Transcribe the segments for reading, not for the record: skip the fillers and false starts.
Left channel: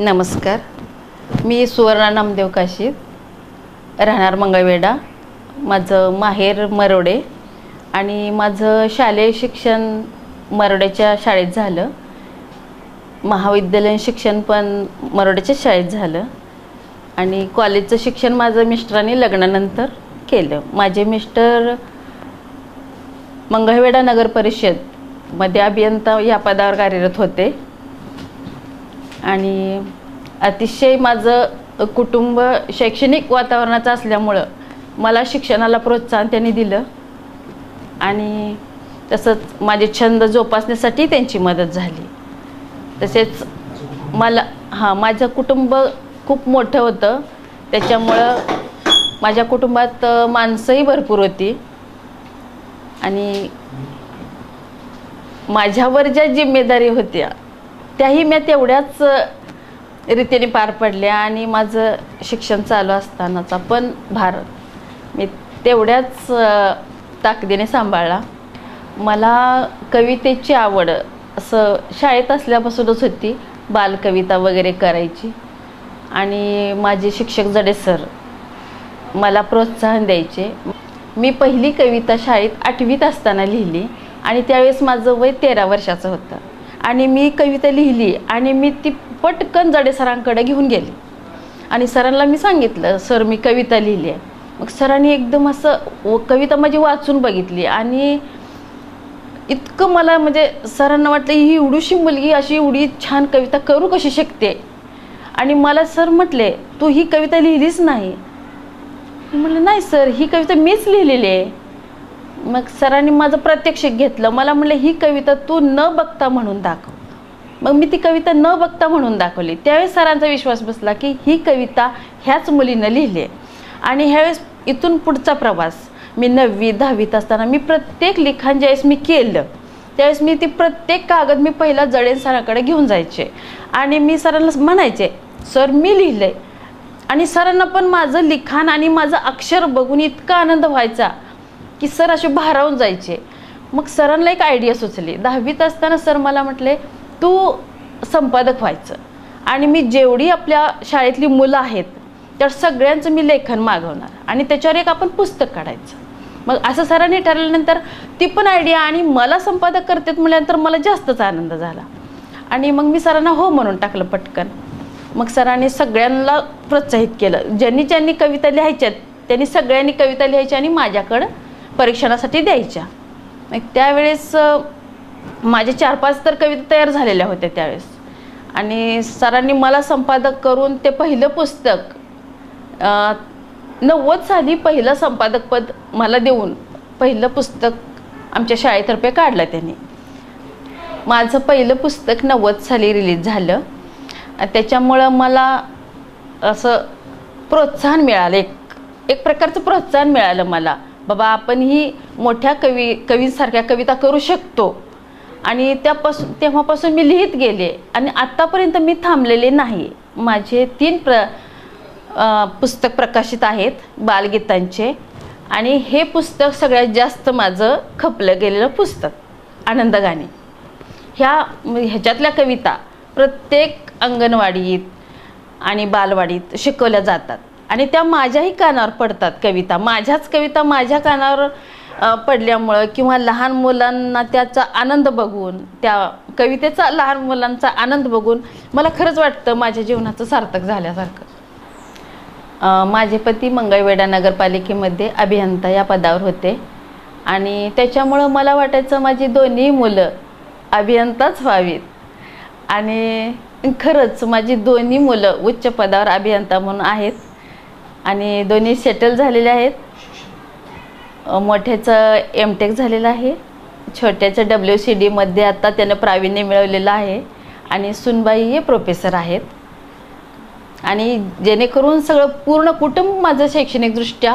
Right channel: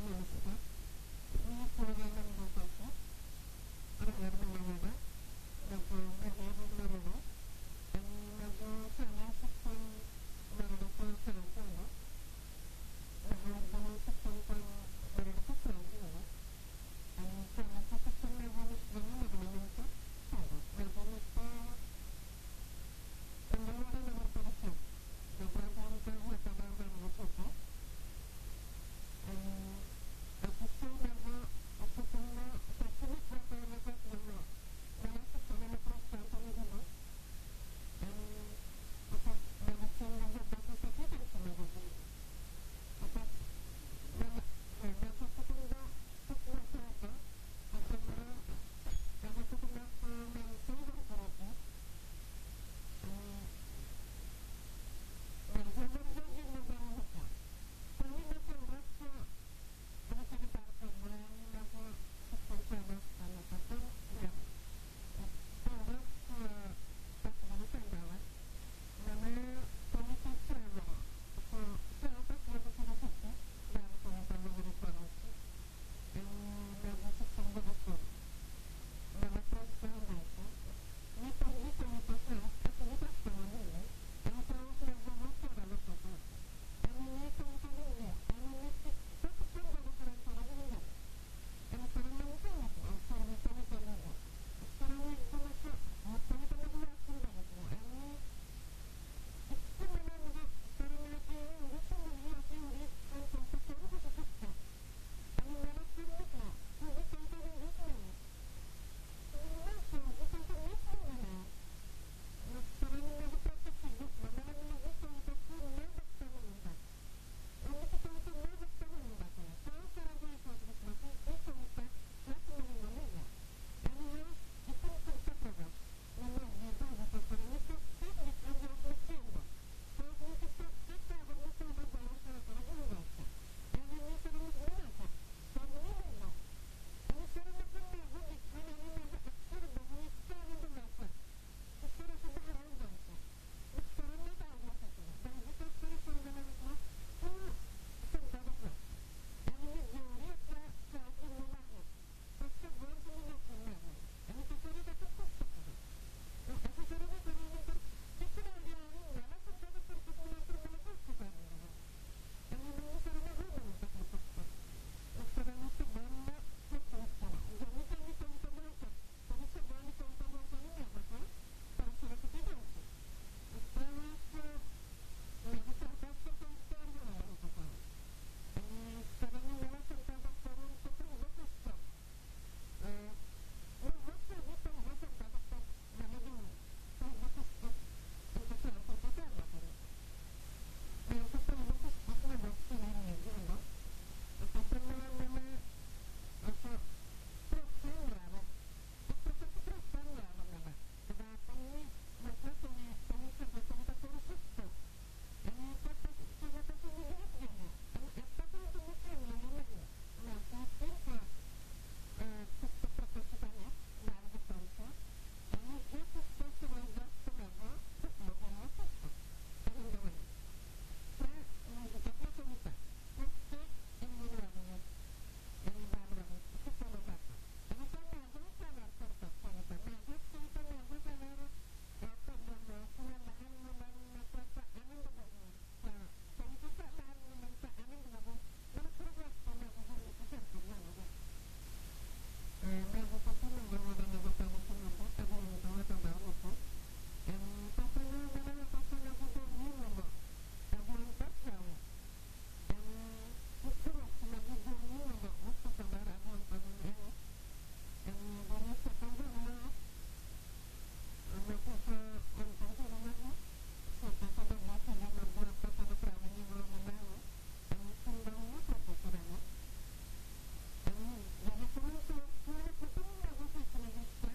नमस्कार, मी सुवर्णा नामदेव काशीद, राहणार मंगळवेढा. माझं माहेर मरोडे आणि माझं शालेय शिक्षण मरोड्याच्या शाळेत झालं. महाविद्यालयीन शिक्षण पण मरोड्याच्या शाळेत झालं आणि कॉलेजचं शिक्षण माझं मिस्टरांनी लग्नानंतर केलं. माझे मिस्टर मंगळवेढा नगर परिषदमध्ये अभियंता या पदावर कार्यरत होते आणि अतिशय माझं कुटुंब शैक्षणिक वातावरणाचं असल्यामुळं मला शिक्षणाला प्रोत्साहन त्यांनी दिलं आणि तसंच माझे छंद जोपासण्यासाठी त्यांची मदत झाली. तसेच माझं कुटुंब खूप मोठं होतं, त्याच्यामुळं माझ्या कुटुंबात माणसंही भरपूर होती आणि माझ्यावर ज्या जिम्मेदारी होत्या त्याही मी तेवढ्याच रीतीने पार पडल्या आणि माझं शिक्षण चालू असतानाचा पण भार मी तेवढ्याच ताकदीने सांभाळला. मला कवितेची आवड असं शाळेत असल्यापासूनच होती. बालकविता वगैरे करायची आणि माझे शिक्षक जडे सर मला प्रोत्साहन द्यायचे. मी पहिली कविता शाळेत 8वीत असताना लिहिली आणि त्यावेळेस माझं वय 13 वर्षाचं होतं आणि मी कविता लिहिली आणि मी ती पटकन जडे सरांकडे घेऊन गेली आणि सरांना मी सांगितलं, सर मी कविता लिहिली आहे. मग सरांनी एकदम असं कविता माझी वाचून बघितली आणि इतकं मला म्हणजे सरांना वाटलं ही एवढीशी मुलगी अशी एवढी छान कविता करू कशी शकते. आणि मला सर म्हटले, तू ही कविता लिहिलीच नाही. मी म्हटलं नाही सर, ही कविता मीच लिहिलेली आहे. मग सरांनी माझं प्रात्यक्षिक घेतलं. मला म्हटलं ही कविता तू न बघता म्हणून दाखव. मग मी ती कविता न बघता म्हणून दाखवली. त्यावेळेस सरांचा विश्वास बसला की ही कविता ह्याच मुलीनं लिहिली आहे. आणि ह्यावेळेस इथून पुढचा प्रवास मी 9वी 10वीत असताना मी प्रत्येक लिखाण ज्यावेळेस मी केलं त्यावेळेस मी ती प्रत्येक कागद मी पहिला जडे सरांकडे घेऊन जायचे आणि मी सरांना म्हणायचे, सर मी लिहिलंय. आणि सरांना पण माझं लिखाण आणि माझं अक्षर बघून इतका आनंद व्हायचा की सर असे भारावून जायचे. मग सरांना एक आयडिया सुचली. 10वीत असताना सर मला म्हटले, तू संपादक व्हायचं आणि मी जेवढी आपल्या शाळेतली मुलं आहेत त्या सगळ्यांचं मी लेखन मागवणार आणि त्याच्यावर एक आपण पुस्तक काढायचं. मग असं सरांनी ठरवल्यानंतर ती पण आयडिया आणि मला संपादक करतात म्हटल्यानंतर मला जास्तच आनंद झाला आणि मग मी सरांना हो म्हणून टाकलं पटकन. मग सरांनी सगळ्यांना प्रोत्साहित केलं. ज्यांनी कविता लिहायच्यात त्यांनी सगळ्यांनी कविता लिहायच्या आणि माझ्याकडं परीक्षणासाठी द्यायच्या. मग त्यावेळेस माझे 4-5 तर कविता तयार झालेल्या होत्या त्यावेळेस आणि सरांनी मला संपादक करून ते पहिलं पुस्तक 90 साली पहिलं संपादकपद मला देऊन पहिलं पुस्तक आमच्या शाळेतर्फे काढलं त्यांनी. माझं पहिलं पुस्तक 90 साली रिलीज झालं. त्याच्यामुळं मला असं प्रोत्साहन मिळालं, एक प्रकारचं प्रोत्साहन मिळालं मला. बाबा आपण ही मोठ्या कवींसारख्या कविता करू शकतो. आणि तेव्हापासून मी लिहित गेले आणि आत्तापर्यंत मी थांबलेले नाही. माझे 3 पुस्तक प्रकाशित आहेत बालगीतांचे. आणि हे पुस्तक सगळ्यात जास्त माझं खपलं गेलेलं पुस्तक आनंदगाणी. ह्याच्यातल्या कविता प्रत्येक अंगणवाडीत आणि बालवाडीत शिकवल्या जातात आणि त्या माझ्याही कानावर पडतात. माझ्याच कविता माझ्या कानावर पडल्यामुळं किंवा लहान मुलांना त्याचा आनंद बघून, त्या कवितेचा लहान मुलांचा आनंद बघून मला खरंच वाटतं माझ्या जीवनाचं सार्थक झाल्यासारखं. माझे पती मंगळवेढा नगरपालिकेमध्ये अभियंता या पदावर होते आणि त्याच्यामुळं मला वाटायचं माझी दोन्ही मुलं अभियंताच व्हावीत. आणि खरंच माझी दोन्ही मुलं उच्च पदावर अभियंता म्हणून आहेत आणि दोन्ही सेटल झालेले आहेत. मोठ्याचं M.Tech झालेलं आहे, छोट्याचं WCD मध्ये आता त्यानं प्रावीण्य मिळवलेलं आहे आणि सुनबाई हे प्रोफेसर आहेत. आणि जेणेकरून सगळं पूर्ण कुटुंब माझं शैक्षणिकदृष्ट्या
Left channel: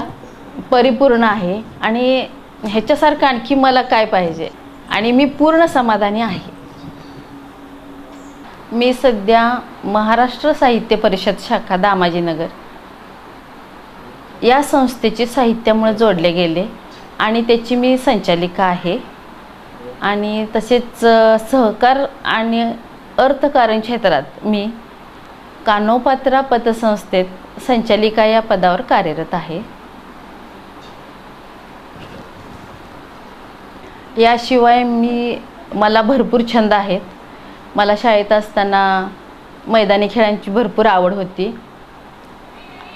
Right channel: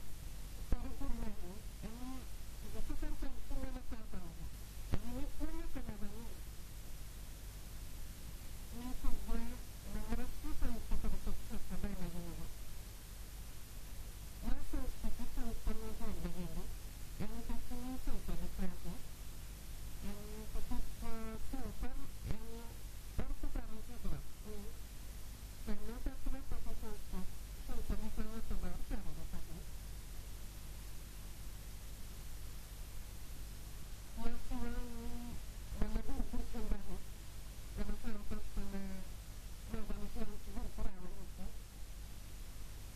परिपूर्ण आहे आणि ह्याच्यासारखं आणखी मला काय पाहिजे आणि मी पूर्ण समाधानी आहे. मी सध्या महाराष्ट्र साहित्य परिषद शाखा दामाजीनगर या संस्थेची साहित्यामुळे जोडले गेले आणि त्याची मी संचालिका आहे. आणि तसेच सहकार आणि अर्थकारण क्षेत्रात मी कानोपात्रा पतसंस्थेत संचालिका या पदावर कार्यरत आहे. याशिवाय मला भरपूर छंद आहेत. मला शाळेत असताना मैदानी खेळांची भरपूर आवड होती.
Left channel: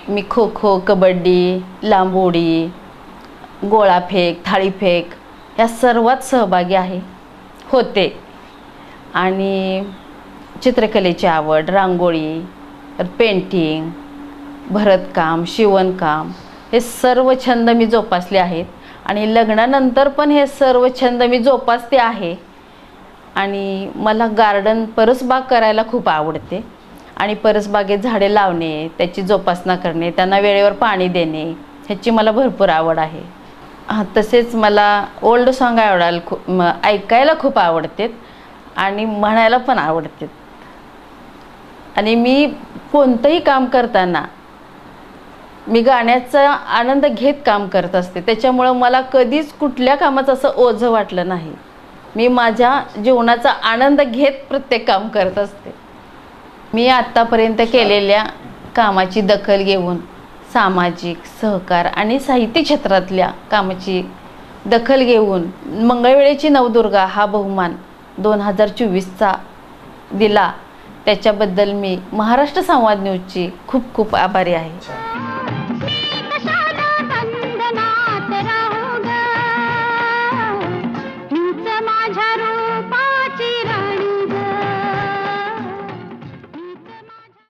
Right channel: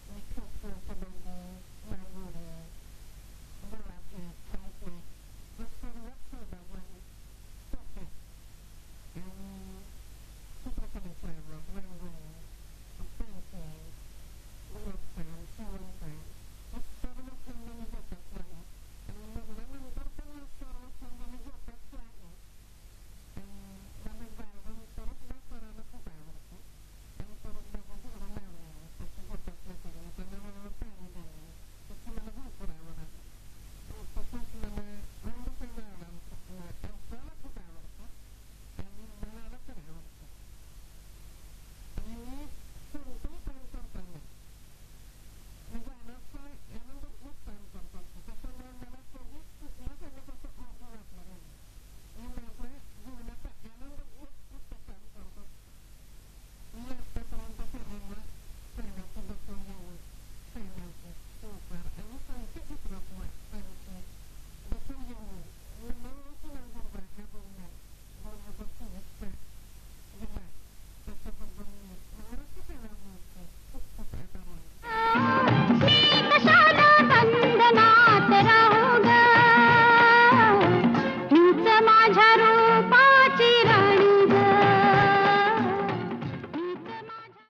मी खो खो, कबड्डी, लांब उडी, गोळाफेक, थाळीफेक या सर्वात सहभागी होते. आणि चित्रकलेची आवड, रांगोळी, पेंटिंग, भरतकाम, शिवणकाम हे सर्व छंद मी जोपासले आहेत आणि लग्नानंतर पण हे सर्व छंद मी जोपासते आहे. आणि मला गार्डन, परसबाग करायला खूप आवडते आणि परसबागेत झाडे लावणे, त्याची जोपासना करणे, त्यांना वेळेवर पाणी देणे ह्याची मला भरपूर आवड आहे. तसेच मला ओल्ड सॉन्ग ऐकायला खूप आवडते आणि म्हणायला पण आवडते. आणि मी कोणतंही काम करताना मी गाण्याचा आनंद घेत काम करत असते. त्याच्यामुळं मला कधीच कुठल्या कामाचं असं ओझं वाटलं नाही. मी माझ्या जीवनाचा आनंद घेत प्रत्येक काम करत असते. मी आत्तापर्यंत केलेल्या कामाची दखल घेऊन सामाजिक, सहकार आणि साहित्य क्षेत्रातल्या कामाची दखल घेऊन मंगळवेळेची नवदुर्गा हा बहुमान 2024चा दिला. त्याच्याबद्दल मी महाराष्ट्र संवाद न्यूजची खूप खूप आभारी आहे.